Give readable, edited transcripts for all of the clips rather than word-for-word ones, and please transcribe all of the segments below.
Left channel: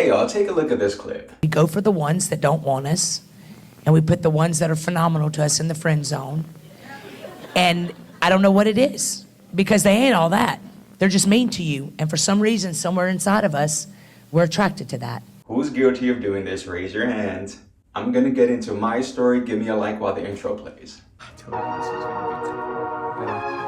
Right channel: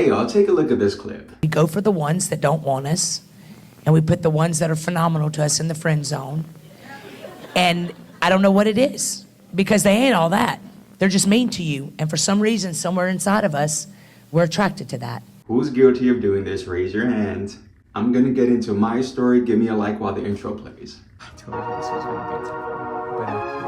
Hey y'all, take a look at this clip. We go for the ones that don't want us, and we put the ones that are phenomenal to us in the friend zone. And I don't know what it is, because they ain't all that. They're just mean to you. And for some reason, somewhere inside of us, we're attracted to that. Who's guilty of doing this? Raise your hand. I'm gonna get into my story. Give me a like while the intro plays. I told you this was gonna be tough, but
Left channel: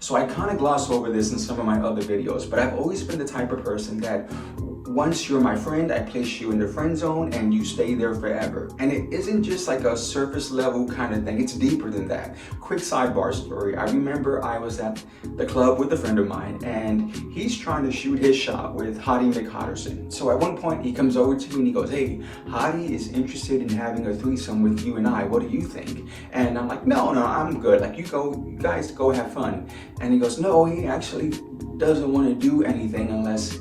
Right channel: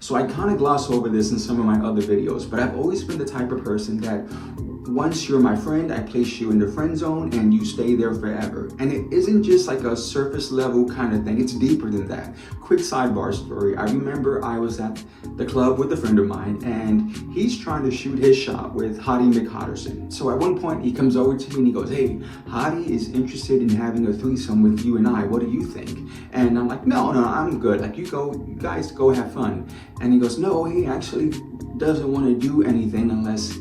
So I kind of gloss over this in some of my other videos, but I've always been the type of person that once you're my friend, I place you in the friend zone and you stay there forever. And it isn't just like a surface level kind of thing, it's deeper than that. Quick sidebar story. I remember I was at the club with a friend of mine and he's trying to shoot his shot with Hottie McHotterson. So at one point he comes over to me and he goes, hey, Hottie is interested in having a threesome with you and I. What do you think? And I'm like, no, I'm good. Like you guys go have fun. And he goes, no, he actually doesn't want to do anything unless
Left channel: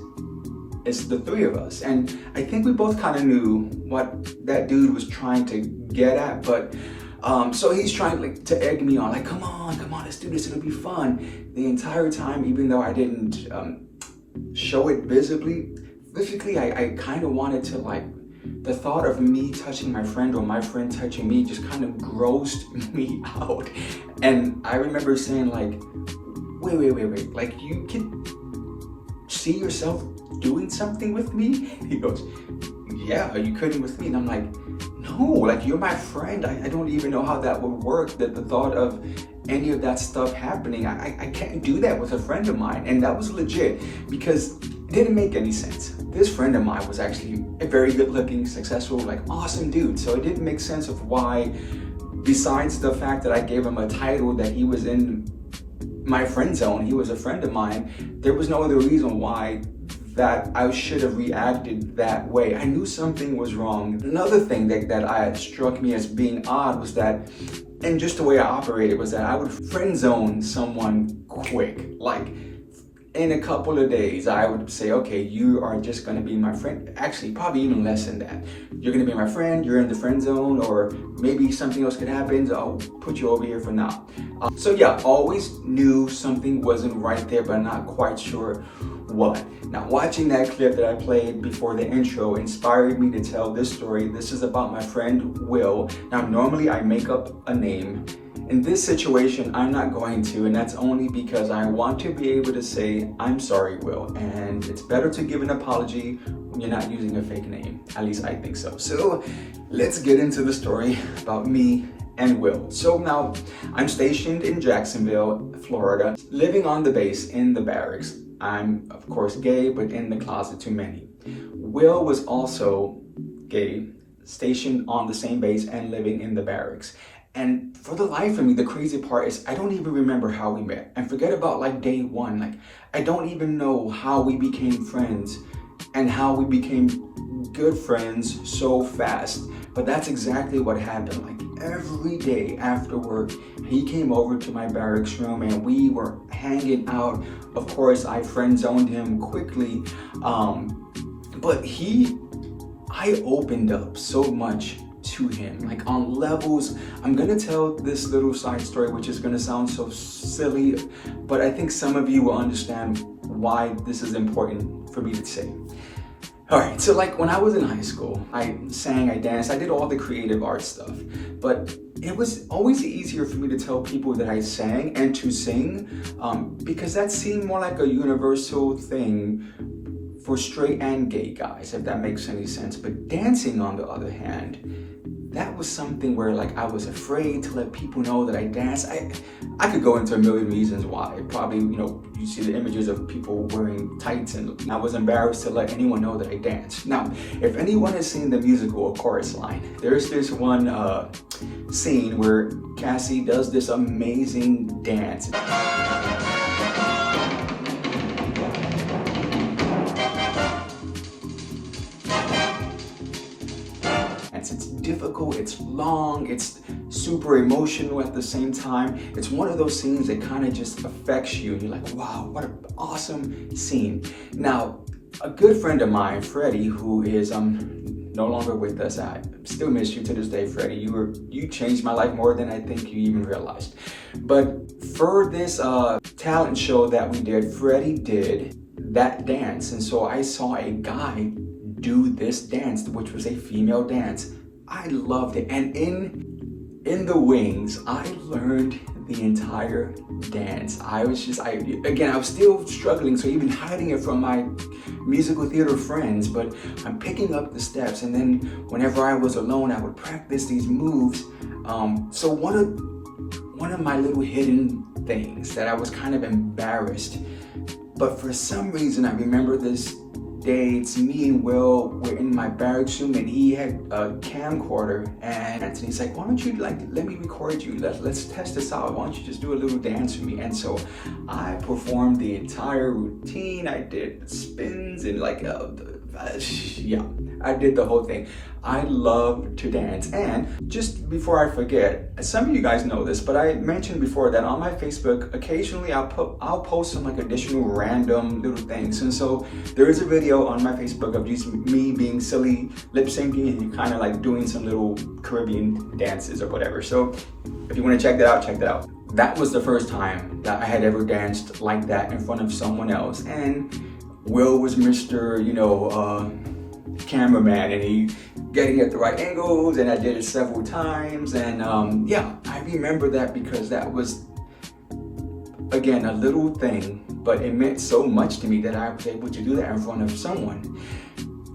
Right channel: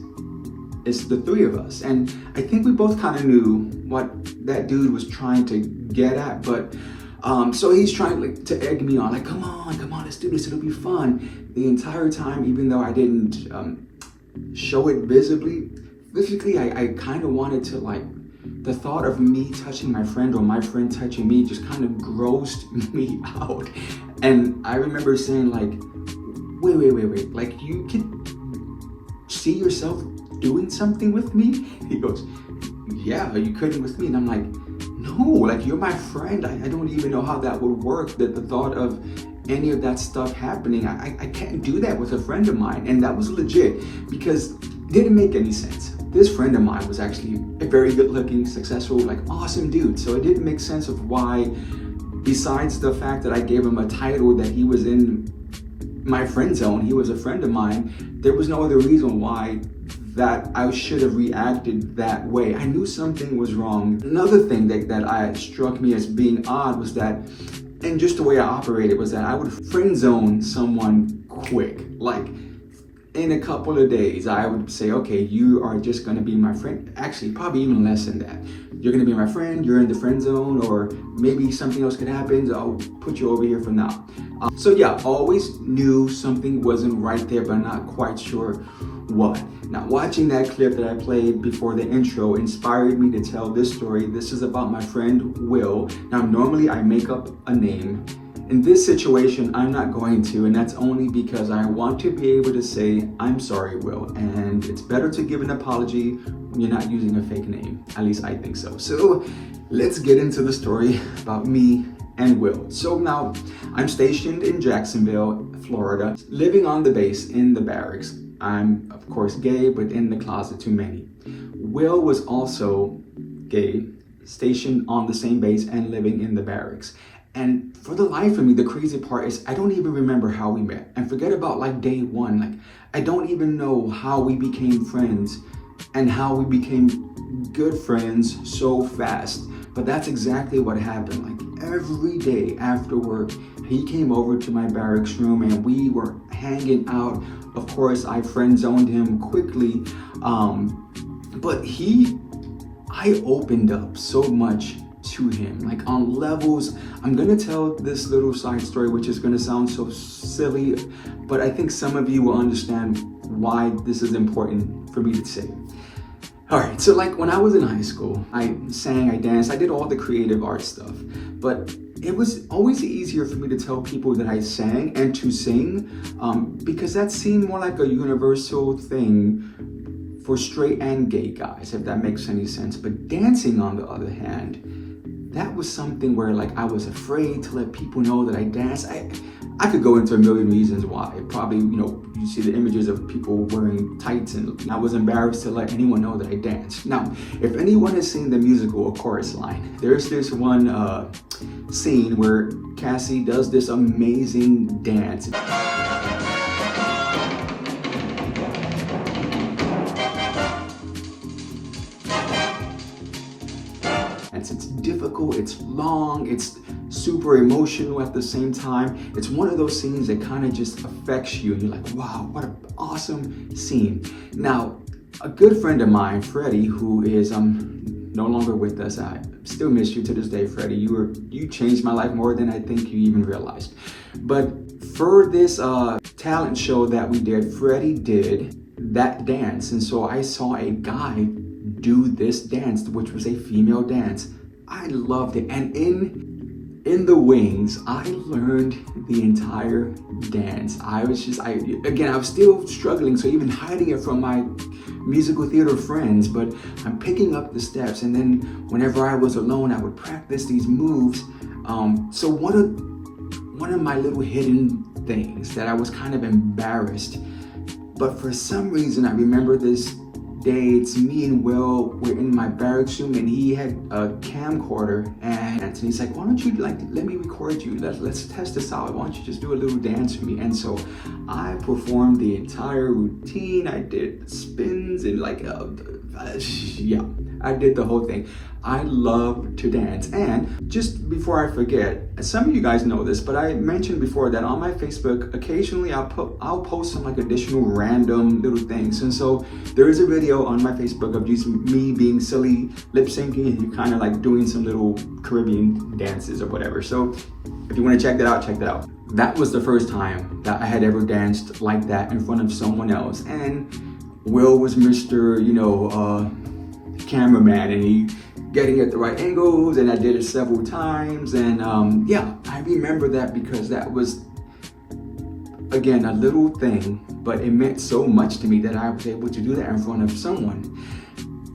it's the three of us. And I think we both kind of knew what that dude was trying to get at, but so he's trying to egg me on, like, come on, let's do this, it'll be fun. The entire time, even though I didn't show it visibly, physically, I kind of wanted to, like, the thought of me touching my friend or my friend touching me just kind of grossed me out. And I remember saying like, wait, like you could see yourself doing something with me? He goes, yeah, you couldn't with me. And I'm like, no, like you're my friend. I don't even know how that would work. The thought of any of that stuff happening, I can't do that with a friend of mine. And that was legit because it didn't make any sense. This friend of mine was actually a very good looking, successful, like awesome dude. So it didn't make sense of why, besides the fact that I gave him a title that he was in my friend zone, he was a friend of mine, there was no other reason why that I should have reacted that way. I knew something was wrong. Another thing that I struck me as being odd was that, and just the way I operated, was that I would friend zone someone quick. Like in a couple of days, I would say, okay, you are just gonna be my friend. Actually, probably even less than that. You're gonna be my friend, you're in the friend zone, or maybe something else could happen, so I'll put you over here for now. So yeah, always knew something wasn't right there, but not quite sure what. Now, watching that clip that I played before the intro inspired me to tell this story. This is about my friend, Will. Now, normally I make up a name. In this situation, I'm not going to, and that's only because I want to be able to say, I'm sorry, Will, and it's better to give an apology when you're not using a fake name. At least I think so. So let's get into the story about me and Will. So now I'm stationed in Jacksonville, Florida, living on the base in the barracks. I'm, of course, gay, but in the closet to many. Will was also gay, stationed on the same base and living in the barracks. And for the life of me, the crazy part is I don't even remember how we met. And forget about like day one. Like I don't even know how we became friends and how we became good friends so fast. But that's exactly what happened. Like every day after work, he came over to my barracks room and we were hanging out. Of course, I friend zoned him quickly. But I opened up so much to him, like on levels. I'm gonna tell this little side story, which is gonna sound so silly, but I think some of you will understand why this is important for me to say. All right, so like when I was in high school, I sang, I danced, I did all the creative art stuff, but it was always easier for me to tell people that I sang and to sing because that seemed more like a universal thing for straight and gay guys, if that makes any sense. But dancing, on the other hand, that was something where like I was afraid to let people know that I dance. I could go into a million reasons why. Probably, you see the images of people wearing tights, and I was embarrassed to let anyone know that I danced. Now, if anyone has seen the musical A Chorus Line, there's this one scene where Cassie does this amazing dance. It's difficult, it's long, it's super emotional at the same time. It's one of those scenes that kind of just affects you. You're like, wow, what an awesome scene. Now, a good friend of mine, Freddie, who is no longer with us. I still miss you to this day, Freddie. You changed my life more than I think you even realized. But for this talent show that we did, Freddie did that dance, and so I saw a guy do this dance, which was a female dance. I loved it, and in the wings, I learned the entire dance. I was still struggling, so even hiding it from my musical theater friends, but I'm picking up the steps, and then whenever I was alone, I would practice these moves. So one of my little hidden things that I was kind of embarrassed, but for some reason I remember this day, it's me and Will, we're in my barracks room, and he had a camcorder, and he's like, why don't you let me record you, let's test this out, why don't you just do a little dance for me? And so I performed the entire routine. I did spins and I did the whole thing. I love to dance. And just before I forget, some of you guys know this, but I mentioned before that on my Facebook, occasionally I'll post some additional random little things. And so there is a video on my Facebook of just me being silly, lip syncing, and kind of doing some little Caribbean dances or whatever. So if you want to check that out, check that out. That was the first time that I had ever danced like that in front of someone else. And Will was Mr. cameraman, and he getting at the right angles, and I did it several times. And I remember that because that was, again, a little thing, but it meant so much to me that I was able to do that in front of someone.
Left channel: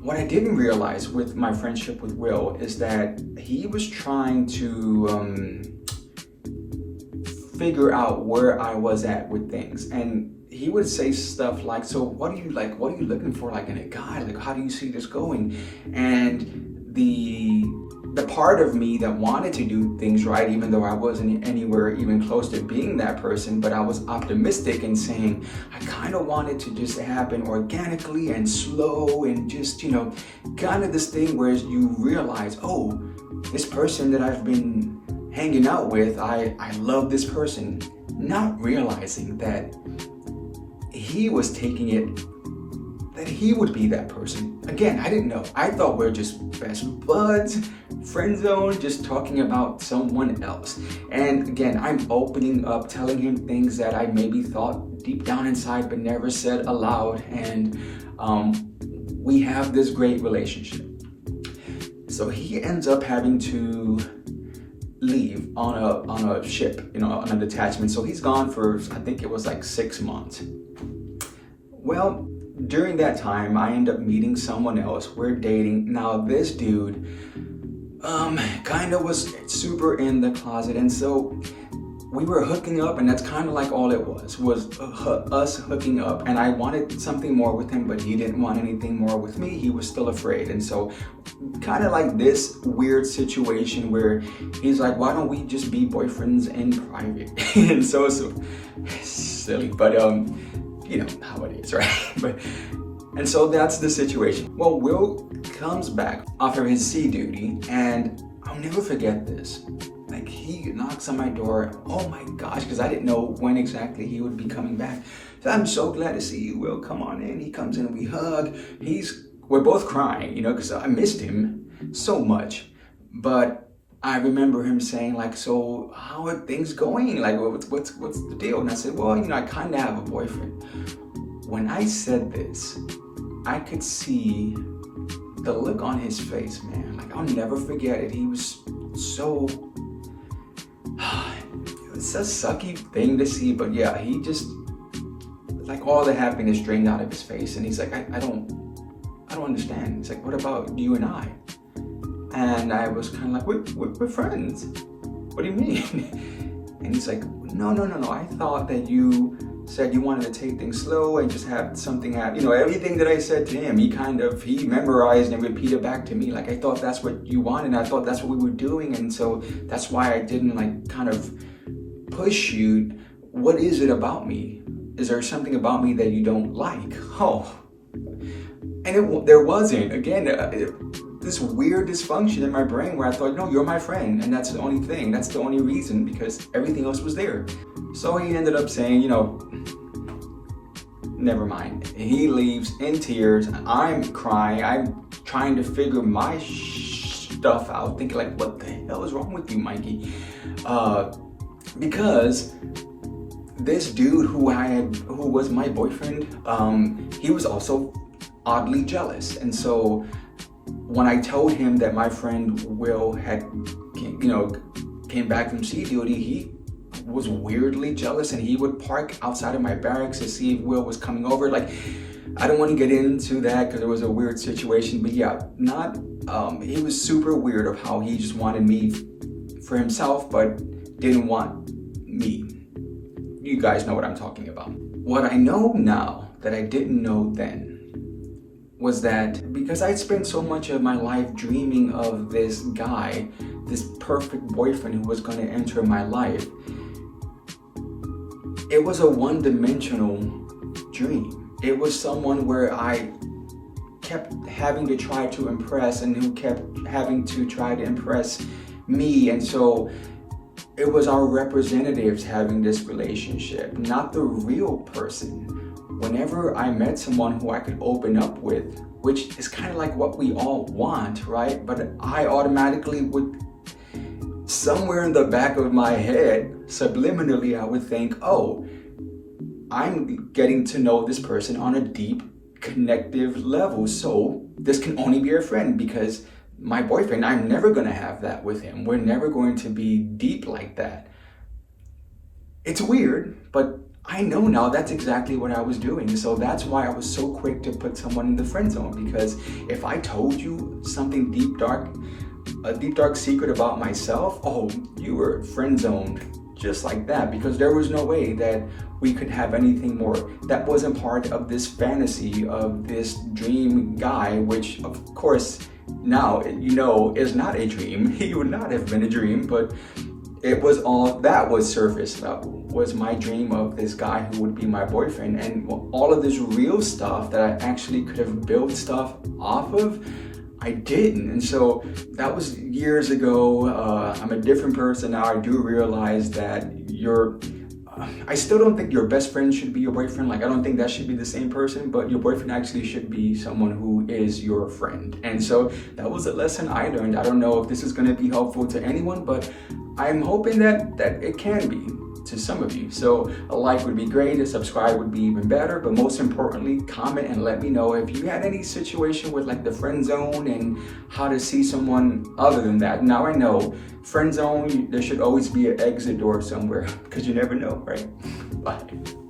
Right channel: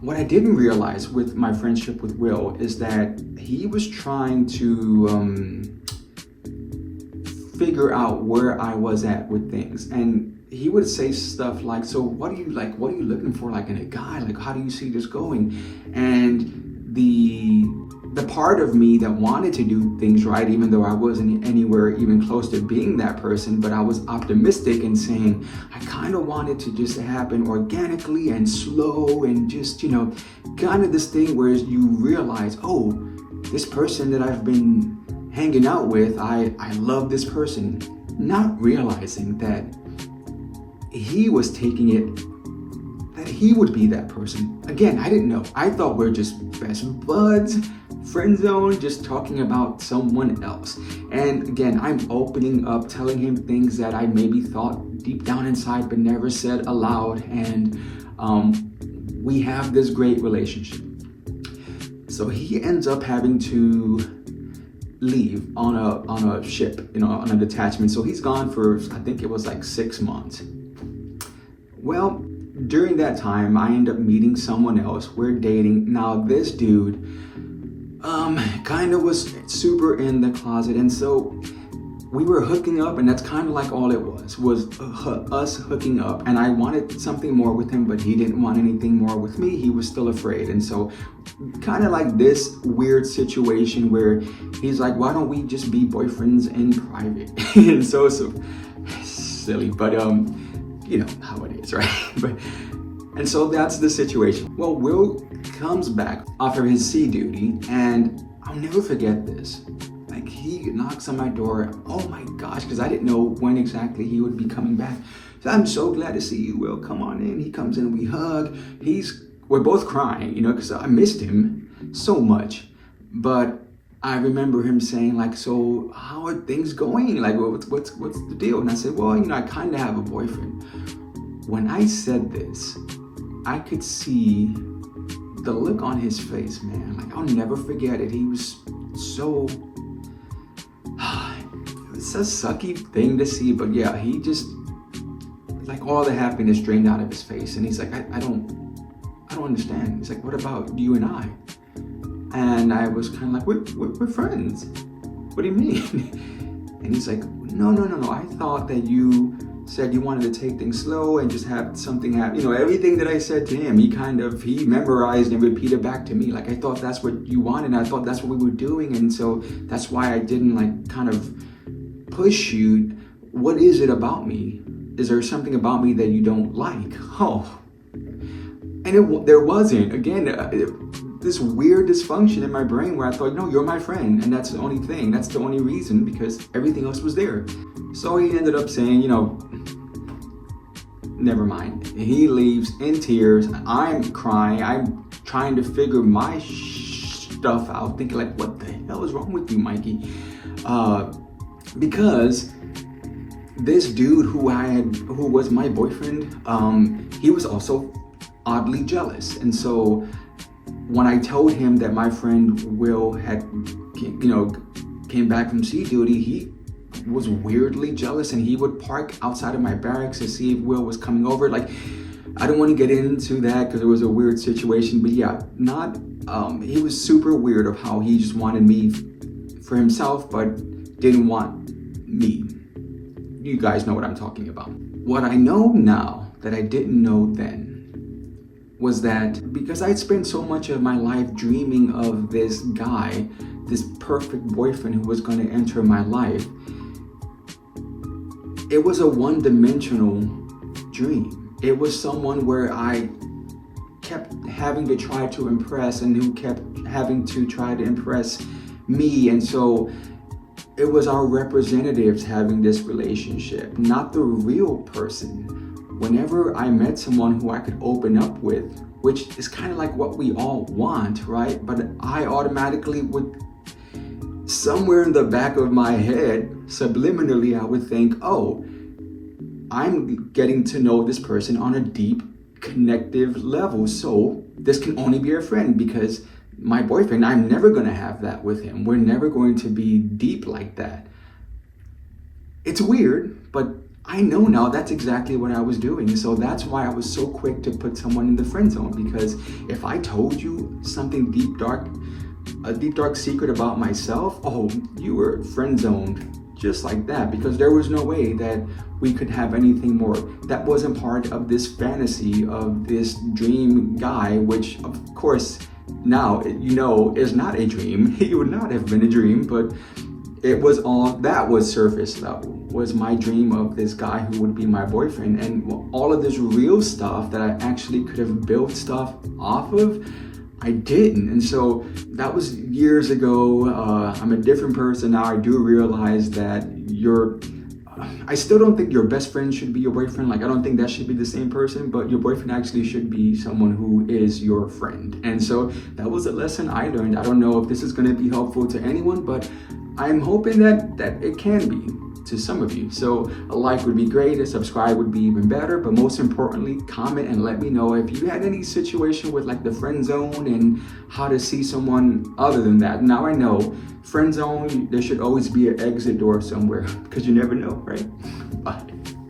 What I didn't realize with my friendship with Will is that he was trying to figure out where I was at with things, and he would say stuff like, so what are you looking for in a guy? How do you see this going? And the part of me that wanted to do things right, even though I wasn't anywhere even close to being that person, but I was optimistic and saying, I kind of wanted to just happen organically and slow, and just, kind of this thing where you realize, oh, this person that I've been hanging out with, I love this person, not realizing that he was taking it that he would be that person. Again, I didn't know. I thought we're just best buds, friend zone, just talking about someone else. And again, I'm opening up, telling him things that I maybe thought deep down inside but never said aloud. And we have this great relationship. So he ends up having to leave on a ship, on a detachment. So he's gone for, I think it was 6 months. Well, during that time, I end up meeting someone else. We're dating. Now, this dude kind of was super in the closet, and so we were hooking up, and that's kind of all it was us hooking up. And I wanted something more with him, but he didn't want anything more with me. He was still afraid. And so kind of this weird situation where he's like, why don't we just be boyfriends in private? And so it's silly, but you know how it is, right? And so that's the situation. Well, Will comes back off of his sea duty, and I'll never forget this. He knocks on my door. Oh my gosh, because I didn't know when exactly he would be coming back. So I'm so glad to see you, Will. Come on in. He comes in and we hug. We're both crying, because I missed him so much. But I remember him saying so how are things going? What's the deal? And I said, well, I kind of have a boyfriend. When I said this, I could see the look on his face, man. I'll never forget it. He was so... It's a sucky thing to see, but yeah, he just, all the happiness drained out of his face. And he's like, I don't understand. He's like, what about you and I? And I was kind of we're friends. What do you mean? And he's like, no. I thought that you said you wanted to take things slow and just have something happen. Everything that I said to him, he memorized and repeated back to me. I thought that's what you wanted, and I thought that's what we were doing. And so that's why I didn't kind of push you. What is it about me? Is there something about me that you don't like? Oh, and there wasn't. Again, this weird dysfunction in my brain where I thought, no, you're my friend, and that's the only thing. That's the only reason, because everything else was there. So he ended up saying, never mind. He leaves in tears. I'm crying. I'm trying to figure my stuff out, thinking like, what the hell is wrong with you, Mikey? Because this dude who was my boyfriend, he was also oddly jealous. And so when I told him that my friend Will had, came back from sea duty, he was weirdly jealous, and he would park outside of my barracks to see if Will was coming over. Like, I don't want to get into that because it was a weird situation, but yeah, he was super weird of how he just wanted me for himself, but didn't want me. You guys know what I'm talking about. What I know now that I didn't know then was that because I'd spent so much of my life dreaming of this guy, this perfect boyfriend who was going to enter my life, it was a one-dimensional dream. It was someone where I kept having to try to impress and who kept having to try to impress me. And so it was our representatives having this relationship, not the real person. Whenever I met someone who I could open up with, which is kind of like what we all want, right? But I automatically would, somewhere in the back of my head, subliminally, I would think, oh, I'm getting to know this person on a deep, connective level. So this can only be a friend, because my boyfriend, I'm never going to have that with him. We're never going to be deep like that. It's weird, but I know now that's exactly what I was doing. So that's why I was so quick to put someone in the friend zone, because if I told you something deep, dark, a deep, dark secret about myself, oh, you were friend zoned just like that, because there was no way that we could have anything more. That wasn't part of this fantasy of this dream guy, which of course now is not a dream. He would not have been a dream, but it was all that was surface level, was my dream of this guy who would be my boyfriend. And all of this real stuff that I actually could have built stuff off of, I didn't. And so that was years ago. I'm a different person now. I do realize that I still don't think your best friend should be your boyfriend. Like, I don't think that should be the same person, but your boyfriend actually should be someone who is your friend. And so that was a lesson I learned. I don't know if this is going to be helpful to anyone, but I'm hoping that it can be to some of you. So a like would be great, a subscribe would be even better, but most importantly, comment and let me know if you had any situation with like the friend zone and how to see someone other than that. Now I know, friend zone, there should always be an exit door somewhere, because you never know, right? Bye.